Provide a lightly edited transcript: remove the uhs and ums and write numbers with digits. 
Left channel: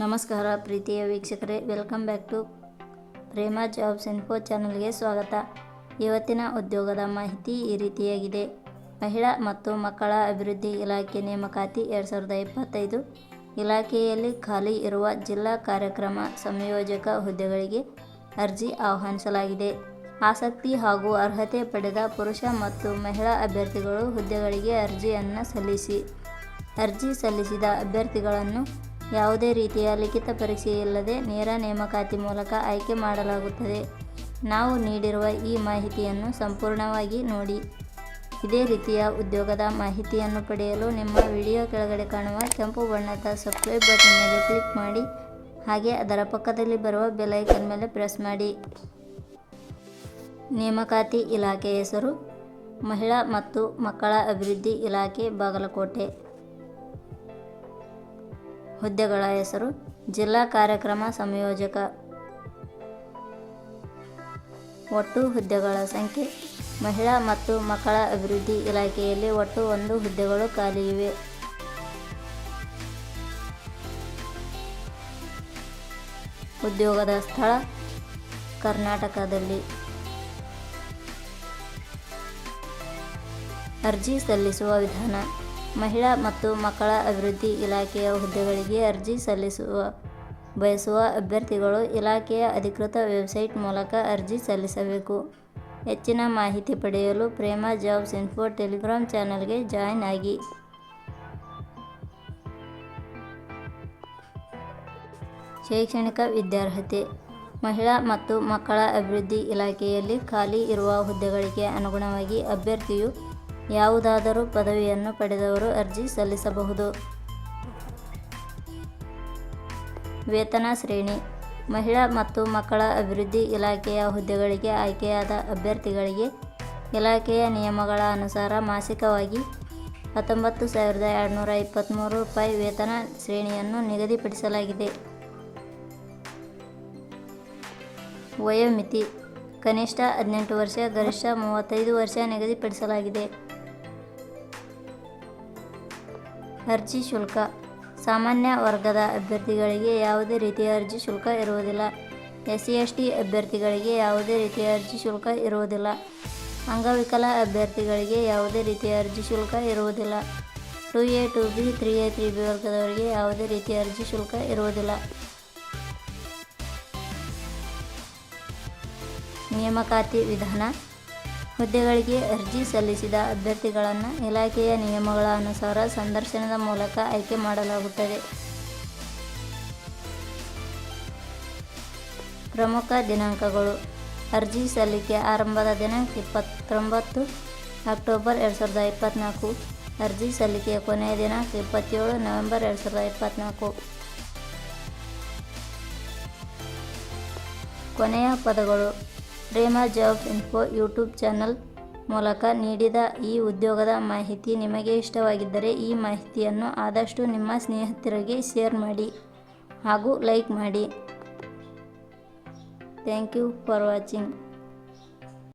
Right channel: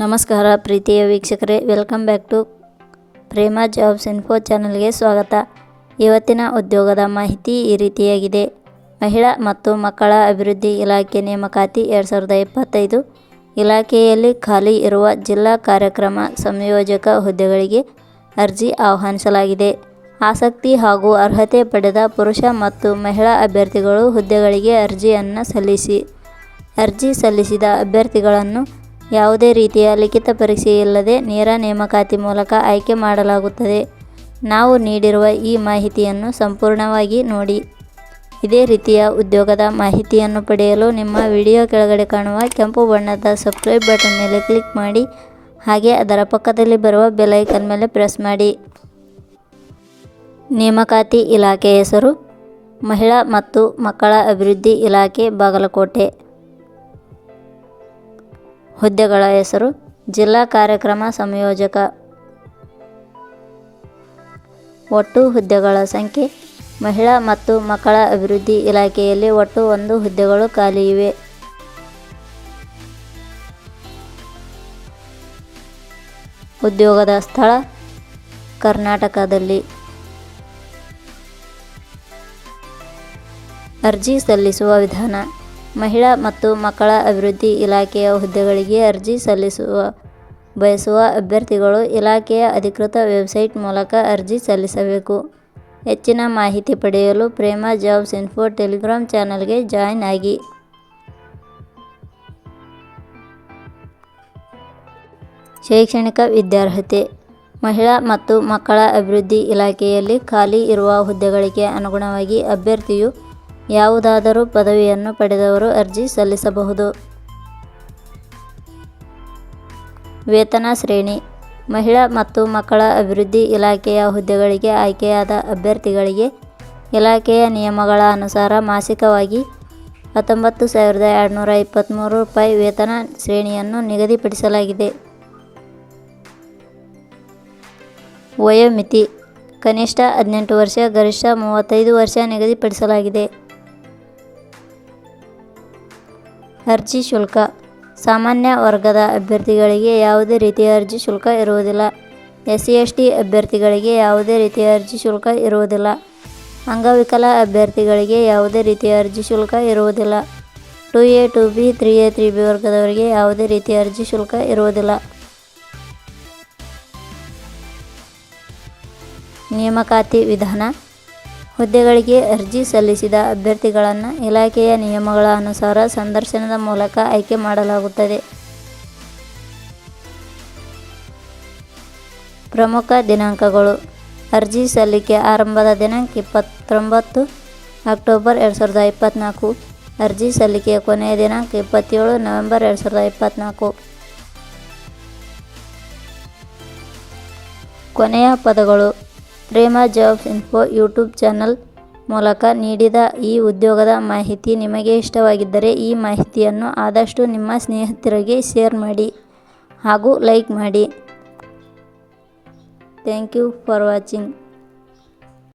ನಮಸ್ಕಾರ ಪ್ರೀತಿಯ ವೀಕ್ಷಕರೇ, welcome back to Prema jobs info ಚಾನಲ್ಗೆ ಸ್ವಾಗತ. ಇವತ್ತಿನ ಉದ್ಯೋಗದ ಮಾಹಿತಿ ಈ ರೀತಿಯಾಗಿದೆ. ಮಹಿಳಾ ಮತ್ತು ಮಕ್ಕಳ ಅಭಿವೃದ್ಧಿ ಇಲಾಖೆ ನೇಮಕಾತಿ 2025 ಇಲಾಖೆಯಲ್ಲಿ ಖಾಲಿ ಇರುವ ಜಿಲ್ಲಾ ಕಾರ್ಯಕ್ರಮ ಸಂಯೋಜಕ ಹುದ್ದೆಗಳಿಗೆ ಅರ್ಜಿ ಆಹ್ವಾನಿಸಲಾಗಿದೆ. ಆಸಕ್ತಿ ಹಾಗೂ ಅರ್ಹತೆ ಪಡೆದ ಪುರುಷ ಮತ್ತು ಮಹಿಳಾ ಅಭ್ಯರ್ಥಿಗಳು ಹುದ್ದೆಗಳಿಗೆ ಅರ್ಜಿಯನ್ನು ಸಲ್ಲಿಸಿ. ಅರ್ಜಿ ಸಲ್ಲಿಸಿದ ಅಭ್ಯರ್ಥಿಗಳನ್ನು ಯಾವುದೇ ರೀತಿಯ ಲಿಖಿತ ಪರೀಕ್ಷೆ ಇಲ್ಲದೆ ನೇರ ನೇಮಕಾತಿ ಮೂಲಕ ಆಯ್ಕೆ ಮಾಡಲಾಗುತ್ತದೆ. ನಾವು ನೀಡಿರುವ ಈ ಮಾಹಿತಿಯನ್ನು ಸಂಪೂರ್ಣವಾಗಿ ನೋಡಿ. ಇದೇ ರೀತಿಯ ಉದ್ಯೋಗದ ಮಾಹಿತಿಯನ್ನು ಪಡೆಯಲು ನಿಮ್ಮ ವಿಡಿಯೋ ಕೆಳಗಡೆ ಕಾಣುವ ಕೆಂಪು ಬಣ್ಣದ ಸಬ್ಸ್ಕ್ರೈಬ್ ಬಟನ್ ಮೇಲೆ ಕ್ಲಿಕ್ ಮಾಡಿ, ಹಾಗೆ ಅದರ ಪಕ್ಕದಲ್ಲಿ ಬರುವ ಬೆಲ್ ಐಕಾನ್ ಮೇಲೆ ಪ್ರೆಸ್ ಮಾಡಿ. ನೇಮಕಾತಿ ಇಲಾಖೆ ಹೆಸರು ಮಹಿಳಾ ಮತ್ತು ಮಕ್ಕಳ ಅಭಿವೃದ್ಧಿ ಇಲಾಖೆ, ಬಾಗಲಕೋಟೆ. ಹುದ್ದೆಗಳ ಹೆಸರು ಜಿಲ್ಲಾ ಕಾರ್ಯಕ್ರಮ ಸಂಯೋಜಕ. ಒಟ್ಟು ಹುದ್ದೆಗಳ ಸಂಖ್ಯೆ ಮಹಿಳಾ ಮತ್ತು ಮಕ್ಕಳ ಅಭಿವೃದ್ಧಿ ಇಲಾಖೆಯಲ್ಲಿ ಒಟ್ಟು 1 ಹುದ್ದೆಗಳು ಖಾಲಿ ಇವೆ. ಉದ್ಯೋಗದ ಸ್ಥಳ ಕರ್ನಾಟಕದಲ್ಲಿ. ಅರ್ಜಿ ಸಲ್ಲಿಸುವ ವಿಧಾನ. ಮಹಿಳಾ ಮತ್ತು ಮಕ್ಕಳ ಅಭಿವೃದ್ಧಿ ಇಲಾಖೆಯ ಹುದ್ದೆಗಳಿಗೆ ಅರ್ಜಿ ಸಲ್ಲಿಸುವ ಬಯಸುವ ಅಭ್ಯರ್ಥಿಗಳು ಇಲಾಖೆಯ ಅಧಿಕೃತ ವೆಬ್ಸೈಟ್ ಮೂಲಕ ಅರ್ಜಿ ಸಲ್ಲಿಸಬೇಕು. ಹೆಚ್ಚಿನ ಮಾಹಿತಿ ಪಡೆಯಲು ಪ್ರೇಮ ಜಾಬ್ಸ್ ಇನ್ಫೋ ಟೆಲಿಗ್ರಾಮ್ ಚಾನಲ್ಗೆ ಜಾಯಿನ್ ಆಗಿ. ಶೈಕ್ಷಣಿಕ ವಿದ್ಯಾರ್ಹತೆ. ಮಹಿಳಾ ಮತ್ತು ಮಕ್ಕಳ ಅಭಿವೃದ್ಧಿ ಇಲಾಖೆಯಲ್ಲಿ ಖಾಲಿ ಇರುವ ಹುದ್ದೆಗಳಿಗೆ ಅನುಗುಣವಾಗಿ ಅಭ್ಯರ್ಥಿಯು ಯಾವುದಾದರೂ ಪದವಿಯನ್ನು ಪಡೆದವರು ಅರ್ಜಿ ಸಲ್ಲಿಸಬಹುದು. ವೇತನ ಶ್ರೇಣಿ. ಮಹಿಳಾ ಮತ್ತು ಮಕ್ಕಳ ಅಭಿವೃದ್ಧಿ ಇಲಾಖೆಯ ಹುದ್ದೆಗಳಿಗೆ ಆಯ್ಕೆಯಾದ ಅಭ್ಯರ್ಥಿಗಳಿಗೆ ಇಲಾಖೆಯ ನಿಯಮಗಳ ಅನುಸಾರ ಮಾಸಿಕವಾಗಿ 19,223 ರೂಪಾಯಿ ವೇತನ ಶ್ರೇಣಿಯನ್ನು ನಿಗದಿಪಡಿಸಲಾಗಿದೆ. ವಯೋಮಿತಿ. ಕನಿಷ್ಠ 18 ವರ್ಷ, ಗರಿಷ್ಠ 35 ವರ್ಷ ನಿಗದಿಪಡಿಸಲಾಗಿದೆ. ಅರ್ಜಿ ಶುಲ್ಕ. ಸಾಮಾನ್ಯ ವರ್ಗದ ಅಭ್ಯರ್ಥಿಗಳಿಗೆ ಯಾವುದೇ ರೀತಿಯ ಅರ್ಜಿ ಶುಲ್ಕ ಇರುವುದಿಲ್ಲ. SC/ST ಅಭ್ಯರ್ಥಿಗಳಿಗೆ ಯಾವುದೇ ರೀತಿಯ ಅರ್ಜಿ ಶುಲ್ಕ ಇರುವುದಿಲ್ಲ. ಅಂಗವಿಕಲ ಅಭ್ಯರ್ಥಿಗಳಿಗೆ ಯಾವುದೇ ರೀತಿಯ ಅರ್ಜಿ ಶುಲ್ಕ ಇರುವುದಿಲ್ಲ. 2A, 2B, 3A, 3B ವರ್ಗದವರಿಗೆ ಯಾವುದೇ ರೀತಿಯ ಅರ್ಜಿ ಶುಲ್ಕ ಇರುವುದಿಲ್ಲ. ನೇಮಕಾತಿ ವಿಧಾನ. ಹುದ್ದೆಗಳಿಗೆ ಅರ್ಜಿ ಸಲ್ಲಿಸಿದ ಅಭ್ಯರ್ಥಿಗಳನ್ನು ಇಲಾಖೆಯ ನಿಯಮಗಳ ಅನುಸಾರ ಸಂದರ್ಶನದ ಮೂಲಕ ಆಯ್ಕೆ ಮಾಡಲಾಗುತ್ತದೆ. ಪ್ರಮುಖ ದಿನಾಂಕಗಳು. ಅರ್ಜಿ ಸಲ್ಲಿಕೆ ಆರಂಭದ ದಿನಾಂಕ 29 ಅಕ್ಟೋಬರ್ 2024. ಅರ್ಜಿ ಸಲ್ಲಿಕೆಯ ಕೊನೆಯ ದಿನಾಂಕ 27 ನವೆಂಬರ್ 2024. ಕೊನೆಯ ಪದಗಳು. ಪ್ರೇಮ ಜಾಬ್ಸ್ ಇನ್ಫೋ ಯೂಟ್ಯೂಬ್ ಚಾನಲ್ ಮೂಲಕ ನೀಡಿದ ಈ ಉದ್ಯೋಗದ ಮಾಹಿತಿ ನಿಮಗೆ ಇಷ್ಟವಾಗಿದ್ದರೆ ಈ ಮಾಹಿತಿಯನ್ನು ಆದಷ್ಟು ನಿಮ್ಮ ಸ್ನೇಹಿತರಿಗೆ ಶೇರ್ ಮಾಡಿ ಹಾಗೂ ಲೈಕ್ ಮಾಡಿ. Thank you for watching.